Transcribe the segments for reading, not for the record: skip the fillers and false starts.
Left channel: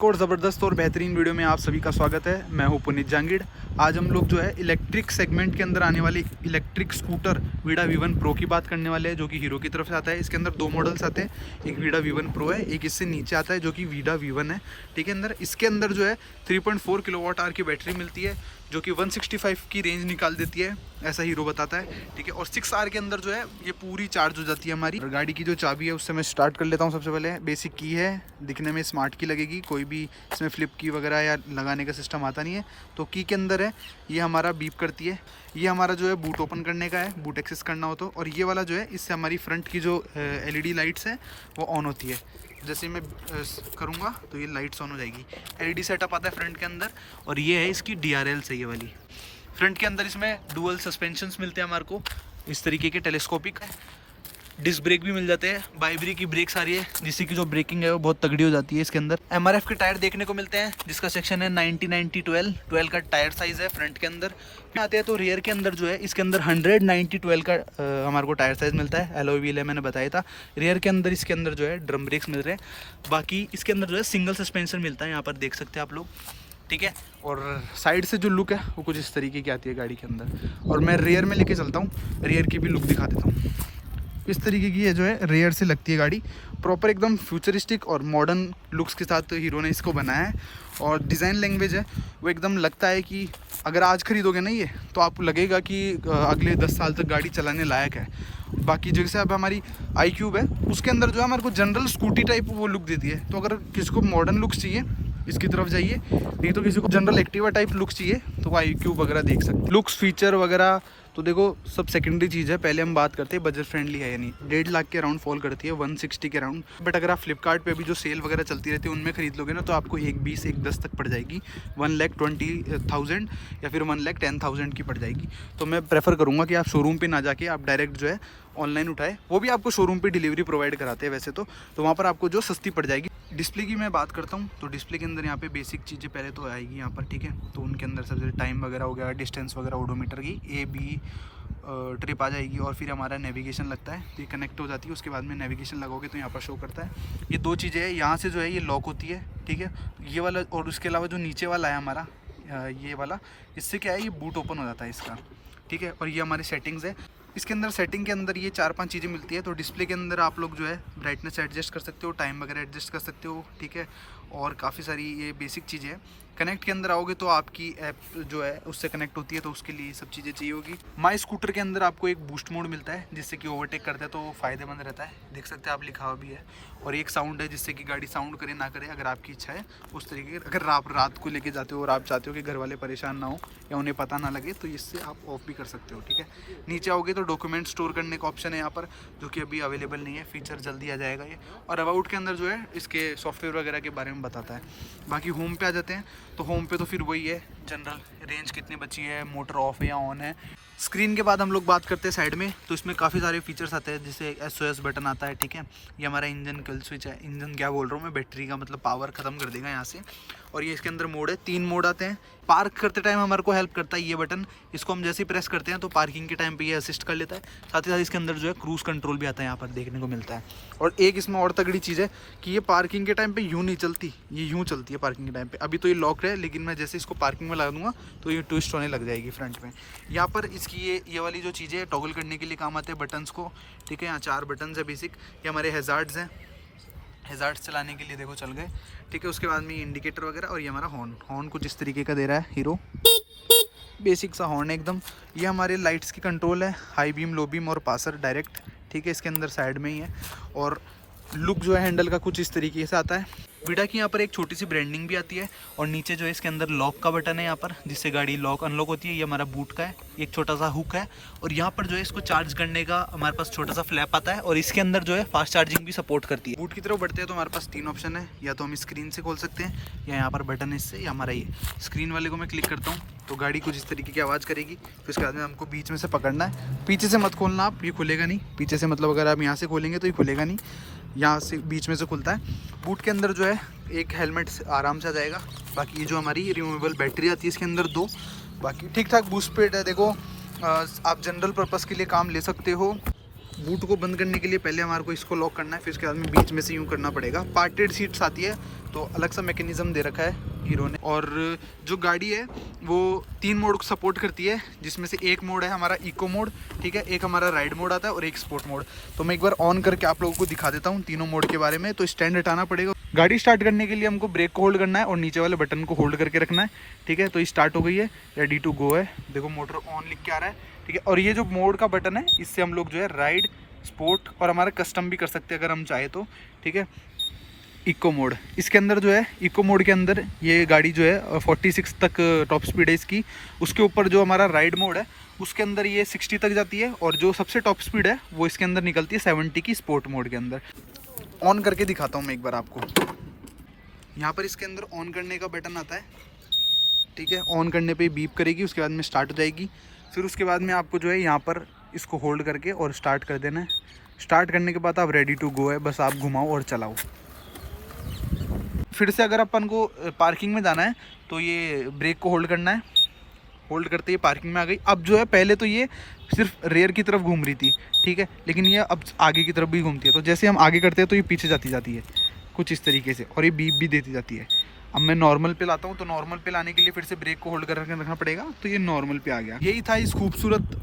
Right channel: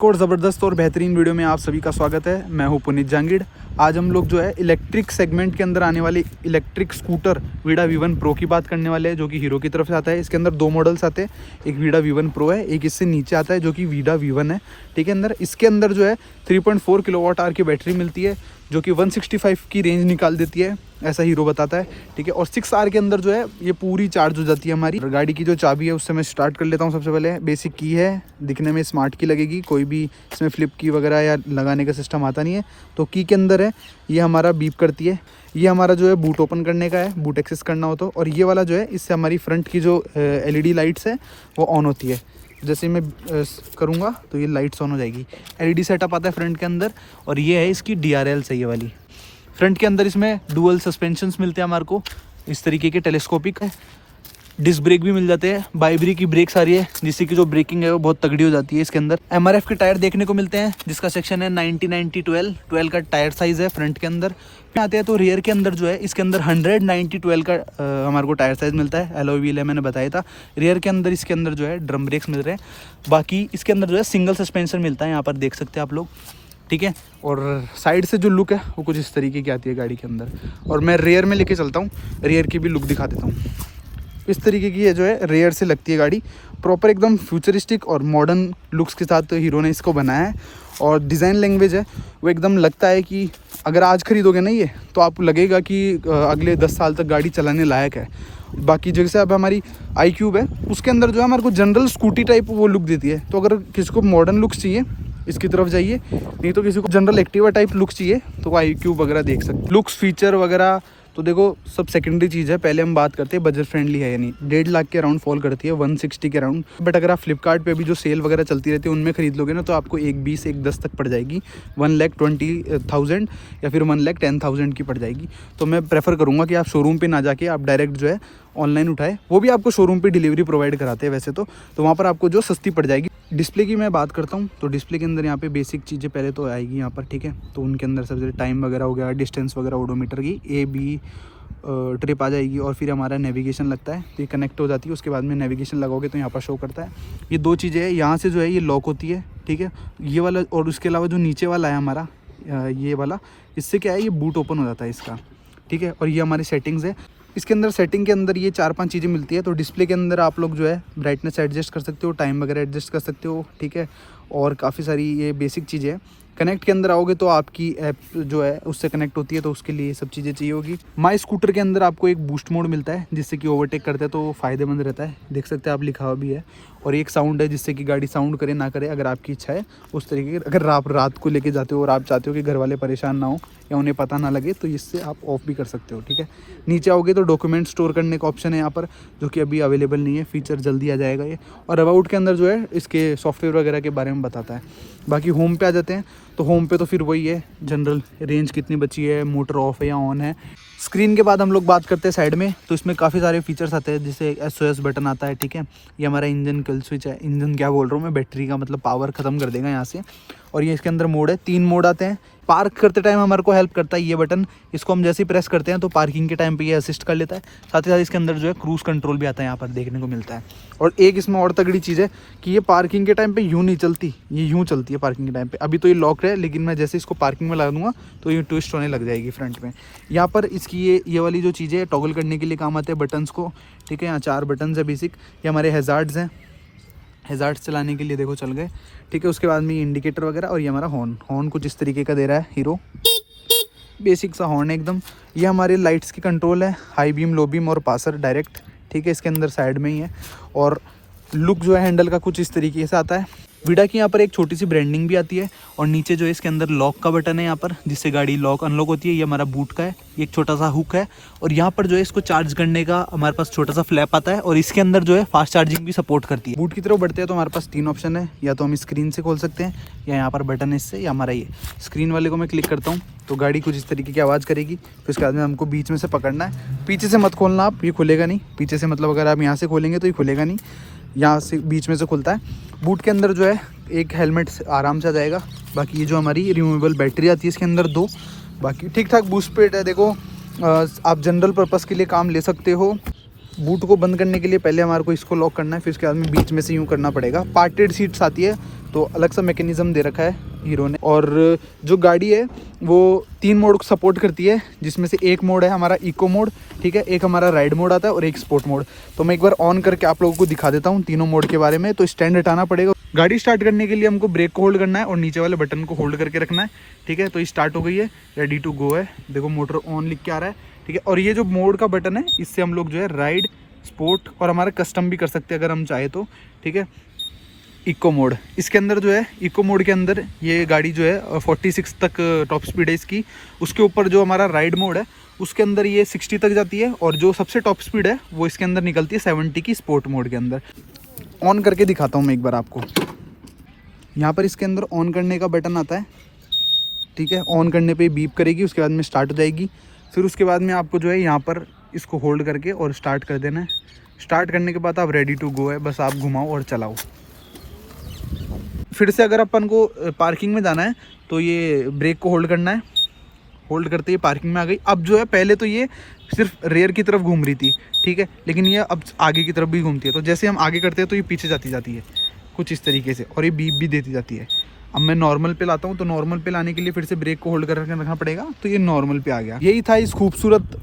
और ज़बरदस्त और बेहतरीन वीडियो में आप सभी का स्वागत है। मैं हूं पुनीत जांगीड़। आज हम लोग जो है इलेक्ट्रिक सेगमेंट के अंदर आने वाली electric scooter Vida V1 pro की बात करने वाले हैं, जो कि हीरो की तरफ से आता है। इसके अंदर दो मॉडल्स आते हैं, एक वीडा V1 प्रो है, एक इससे नीचे आता है जो कि वीडा V1 है। ठीक है, अंदर इसके अंदर जो है 3.4 किलोवाट आवर की बैटरी मिलती है, जो कि 165 की रेंज निकाल देती है, ऐसा हीरो बताता है। ठीक है, और 6R के अंदर जो है ये पूरी चार्ज हो जाती है हमारी। गाड़ी की जो चाबी है उससे मैं स्टार्ट कर लेता हूँ। सबसे पहले बेसिक की है, दिखने में स्मार्ट की लगेगी, कोई भी इसमें फ्लिप की वगैरह या लगाने का सिस्टम आता नहीं है। तो की के अंदर है, ये हमारा बीप करती है। ये हमारा जो है बूट ओपन करने का है, बूट एक्सेस करना हो तो। और ये वाला जो है, इससे हमारी फ्रंट की जो LED लाइट्स है वो ऑन होती है। जैसे मैं करूँगा तो ये लाइट्स ऑन हो जाएगी। LED सेटअप आता है फ्रंट के अंदर, और ये है इसकी DRL से ये वाली। फ्रंट के अंदर इसमें डुअल सस्पेंशंस मिलते हैं हमारे को, इस तरीके के टेलीस्कोपिक है। डिस्क ब्रेक भी मिल जाते हैं, बाइब्री की ब्रेक्स आ रही है, जिससे कि जो ब्रेकिंग है वो बहुत तगड़ी हो जाती है। इसके अंदर MRF के टायर देखने को मिलते हैं, जिसका सेक्शन है 90-90-12 का टायर साइज है फ्रंट के अंदर। फिर आते हैं तो रियर के अंदर जो है, इसके अंदर 100-90-12 का हमारे को टायर साइज मिलता है। एलॉय व्हील है, मैंने बताया था। रियर के अंदर इसके अंदर जो है ड्रम ब्रेक्स मिल रहे हैं। बाकी इसके अंदर जो है सिंगल सस्पेंशन मिलता है, यहाँ पर देख सकते हैं आप लोग। ठीक है, और साइड से जो लुक है वो कुछ इस तरीके की आती है गाड़ी के अंदर। और मैं रियर में लेके चलता हूँ, रियर की भी लुक दिखा देता हूँ। इस तरीके की ये जो है रियर से लगती है गाड़ी, प्रॉपर एकदम फ्यूचरिस्टिक और मॉडर्न लुक्स के साथ हीरो ने इसको बनाया है। और डिज़ाइन लैंग्वेज है वो एकदम लगता है कि अगर आज खरीदोगे ना ये, तो आपको लगेगा कि अगले 10 साल तक गाड़ी चलाने लायक है। बाकी जैसे अब हमारी iQube है, उसके अंदर जो है हमारे को जनरल स्कूटी टाइप वो लुक देती है। तो अगर किसी को मॉडर्न लुक्स चाहिए इसकी तरफ जाइए, नहीं तो किसी को जनरल एक्टिवा टाइप लुक चाहिए तो वो iQube वगैरह देख सकते हैं। लुक्स फीचर वगैरह तो देखो सब सेकेंडरी चीज़ है, पहले हम बात करते हैं बजट फ्रेंडली है या नहीं। 1.5 लाख के अराउंड फॉल करती है, 160 के अराउंड। बट अगर आप फ्लिपकार्ट पे भी जो सेल वगैरह चलती रहती है उनमें खरीद लोगे ना, तो आपको 1.20-1.10 तक पड़ जाएगी। 1,20,000 या फिर 1,10,000 की पड़ जाएगी। तो मैं प्रेफर करूँगा कि आप शोरूम पर ना जाके आप डायरेक्ट जो है ऑनलाइन उठाए। वो भी आपको शोरूम पे डिलीवरी प्रोवाइड कराते हैं वैसे तो वहाँ पर आपको जो सस्ती पड़ जाएगी। डिस्प्ले की मैं बात करता हूँ तो डिस्प्ले के अंदर यहाँ पे बेसिक चीज़ें पहले तो आएगी यहाँ पर। ठीक है, तो उनके अंदर सबसे टाइम वगैरह हो गया, डिस्टेंस वगैरह, ओडोमीटर की AB ट्रिप आ जाएगी। और फिर हमारा नेविगेशन लगता है, तो ये कनेक्ट हो जाती है। उसके बाद में नेविगेशन लगाओगे तो यहाँ पर शो करता है। ये दो चीज़ें हैं, यहाँ से जो है ये लॉक होती है। ठीक है, ये वाला, और उसके अलावा जो नीचे वाला है हमारा ये वाला, इससे क्या है, ये बूट ओपन हो जाता है इसका। ठीक है, और ये हमारी सेटिंग्स है। इसके अंदर सेटिंग के अंदर ये 4-5 चीज़ें मिलती है। तो डिस्प्ले के अंदर आप लोग जो है ब्राइटनेस एडजस्ट कर सकते हो, टाइम वगैरह एडजस्ट कर सकते हो। ठीक है, और काफ़ी सारी ये बेसिक चीज़ें हैं। कनेक्ट के अंदर आओगे तो आपकी ऐप जो है उससे कनेक्ट होती है, तो उसके लिए सब चीज़ें चाहिए होगी। माई स्कूटर के अंदर आपको एक बूस्ट मोड मिलता है, जिससे कि ओवरटेक करते हैं तो फ़ायदेमंद रहता है। देख सकते हैं आप, लिखा हुआ भी है। और एक साउंड है, जिससे कि गाड़ी साउंड करे ना करे, अगर आपकी इच्छा है उस तरीके की। अगर आप रात को लेके जाते हो और आप चाहते हो कि घर वाले परेशान ना हो या उन्हें पता ना लगे, तो इससे आप ऑफ भी कर सकते हो। ठीक है, नीचे आओगे तो डॉक्यूमेंट स्टोर करने का ऑप्शन है यहाँ पर, जो कि अभी अवेलेबल नहीं है, फीचर जल्दी आ जाएगा ये। और अबाउट के अंदर जो है इसके सॉफ्टवेयर वगैरह के बारे में बताता है। बाकी होम पे आ जाते हैं, तो होम पे तो फिर वही है, जनरल रेंज कितनी बची है, मोटर ऑफ है या ऑन है। स्क्रीन के बाद हम लोग बात करते हैं साइड में, तो इसमें काफ़ी सारे फीचर्स आते हैं, जैसे SOS बटन आता है। ठीक है, ये हमारा इंजन किल स्विच है। इंजन क्या बोल रहा हूँ मैं, बैटरी का मतलब पावर ख़त्म कर देगा यहाँ से। और ये इसके अंदर मोड है, 3 मोड आते हैं। पार्क करते टाइम हमारे को हेल्प करता है ये बटन, इसको हम जैसे ही प्रेस करते हैं तो पार्किंग के टाइम पे ये असिस्ट कर लेता है। साथ ही साथ इसके अंदर जो है क्रूज़ कंट्रोल भी आता है, यहाँ पर देखने को मिलता है। और एक इसमें और तगड़ी चीज़ है कि ये पार्किंग के टाइम पे यूँ नहीं चलती, ये यूँ चलती है पार्किंग के टाइम पे। अभी तो ये लॉक है, लेकिन मैं जैसे इसको पार्किंग में लगा दूंगा तो ये ट्विस्ट होने लग जाएगी फ्रंट में। यहाँ पर इसकी ये वाली जो चीज़ें टॉगल करने के लिए काम आते हैं बटन्स को। ठीक है, यहाँ 4 बटन्स है बेसिक। ये हमारे हैज़ार्ड्स हैं, हैज़ार्ड्स चलाने के लिए देखो चल गए। ठीक है, उसके बाद में इंडिकेटर वगैरह। और ये हमारा हॉर्न कुछ इस तरीके का दे रहा है हीरो, बेसिक सा हॉर्न है एकदम। ये हमारे लाइट्स की कंट्रोल है, हाई बीम, लो बीम और पासर डायरेक्ट। ठीक है, इसके अंदर साइड में ही है। और लुक जो है हैंडल का कुछ इस तरीके से आता है। वीडा की यहाँ पर एक छोटी सी ब्रांडिंग भी आती है। और नीचे जो है इसके अंदर लॉक का बटन है यहाँ पर, जिससे गाड़ी लॉक अनलॉक होती है। ये हमारा बूट का है, एक छोटा सा हुक है। और यहाँ पर जो है इसको चार्ज करने का हमारे पास छोटा सा फ्लैप आता है, और इसके अंदर जो है फास्ट चार्जिंग भी सपोर्ट करती है। बूट की तरफ बढ़ते हैं तो हमारे पास 3 ऑप्शन है, या तो हम स्क्रीन से खोल सकते हैं, या यहाँ पर बटन है इससे, या हमारा ये स्क्रीन वाले को मैं क्लिक करता हूँ तो गाड़ी कुछ इस तरीके की आवाज़ करेगी। फिर उसके बाद में हमको बीच में से पकड़ना है, पीछे से मत खोलना आप, ये खुलेगा नहीं। पीछे से मतलब अगर आप यहाँ से खोलेंगे तो ये खुलेगा नहीं, यहाँ से बीच में से खुलता है। बूट के अंदर जो है एक हेलमेट आराम से आ जाएगा। बाकी ये जो हमारी रिमूवेबल बैटरी आती है इसके अंदर 2। बाकी ठीक ठाक बूस्ट पेट है, देखो आप जनरल पर्पस के लिए काम ले सकते हो। बूट को बंद करने के लिए पहले हमारे को इसको लॉक करना है, फिर उसके बाद में बीच में से यूँ करना पड़ेगा। पार्टेड सीट्स आती है, तो अलग सा मैकेनिज्म दे रखा है हीरो ने। और जो गाड़ी है वो 3 मोड को सपोर्ट करती है, जिसमें से एक मोड है हमारा इको मोड, ठीक है, एक हमारा राइड मोड आता है और एक स्पोर्ट मोड। तो मैं एक बार ऑन करके आप लोगों को दिखा देता हूँ तीनों मोड के बारे में। तो स्टैंड हटाना पड़ेगा। गाड़ी स्टार्ट करने के लिए हमको ब्रेक को होल्ड करना है और नीचे वाले बटन को होल्ड करके रखना है, ठीक है। तो ये स्टार्ट हो गई है, रेडी टू गो है, देखो मोटर ऑन लिख के आ रहा है, ठीक है। और ये जो मोड का बटन है इससे हम लोग जो है राइड, स्पोर्ट और हमारा कस्टम भी कर सकते हैं अगर हम चाहे तो, ठीक है। इको मोड, इसके अंदर जो है इको मोड के अंदर ये गाड़ी जो है 46 तक टॉप स्पीड है इसकी। उसके ऊपर जो हमारा राइड मोड है उसके अंदर ये 60 तक जाती है, और जो सबसे टॉप स्पीड है वो इसके अंदर निकलती है 70 की स्पोर्ट मोड के अंदर। ऑन करके दिखाता हूँ मैं एक बार आपको। यहाँ पर इसके अंदर ऑन करने का बटन आता है, ठीक है। ऑन करने पे बीप करेगी, उसके बाद में स्टार्ट हो जाएगी। फिर उसके बाद में आपको जो है यहाँ पर इसको होल्ड करके और स्टार्ट कर देना है। स्टार्ट करने के बाद आप रेडी टू गो है, बस आप घुमाओ और चलाओ। फिर से अगर अपन को पार्किंग में जाना है तो ये ब्रेक को होल्ड करना है, होल्ड करते ही पार्किंग में आ गई। अब जो है पहले तो ये सिर्फ रेयर की तरफ घूम रही थी, ठीक है, लेकिन ये अब आगे की तरफ भी घूमती है। तो जैसे हम आगे करते हैं तो ये पीछे जाती है कुछ इस तरीके से, और ये बीप भी देती जाती है। अब मैं नॉर्मल पे लाता हूँ, तो नॉर्मल पे लाने के लिए फिर से ब्रेक को होल्ड कर रखना पड़ेगा। तो ये नॉर्मल पे आ गया। यही था इस खूबसूरत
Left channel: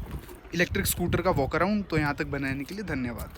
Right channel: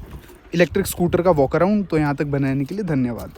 इलेक्ट्रिक स्कूटर का वॉक अराउंड। तो यहाँ तक बनाने के लिए धन्यवाद।